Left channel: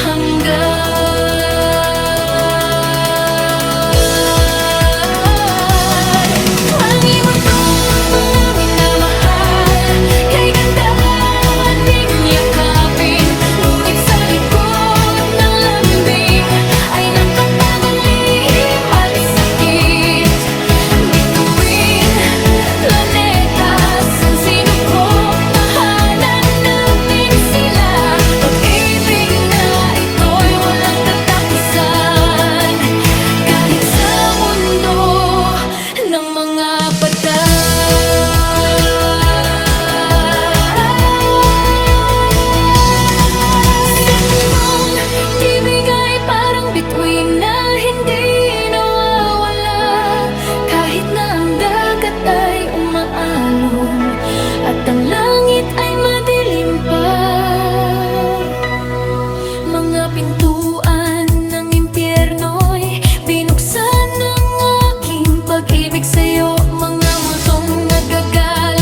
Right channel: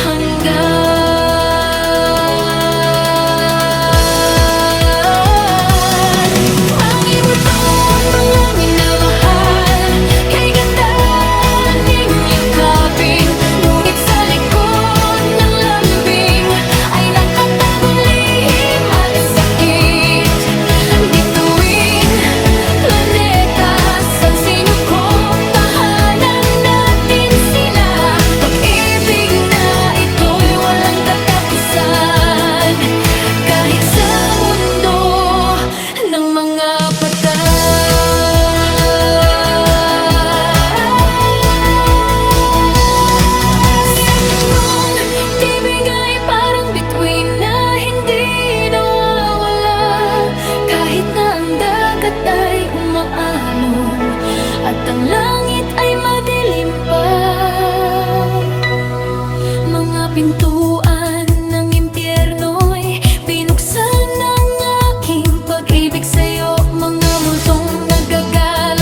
hanggan. Mangimot ko ang mga minamahal, kay ganda ding yakapin. Ngunit sa likod ng lambing ay nakatagong lihim at sakit. Bituin, planeta, san sinukop, tahanan natin sila. Pag-ibig na ito'y walang katapusan, kahit sa mundo ng mga patay. Sa punong tibig ay parang bituin na hindi nawawala, kahit na ang dagat ay umaalon at ang langit ay madilim pa. Mga pintuan ng impyerno'y binuksan ng aking pag-ibig sa'yo. Mga multong nagagala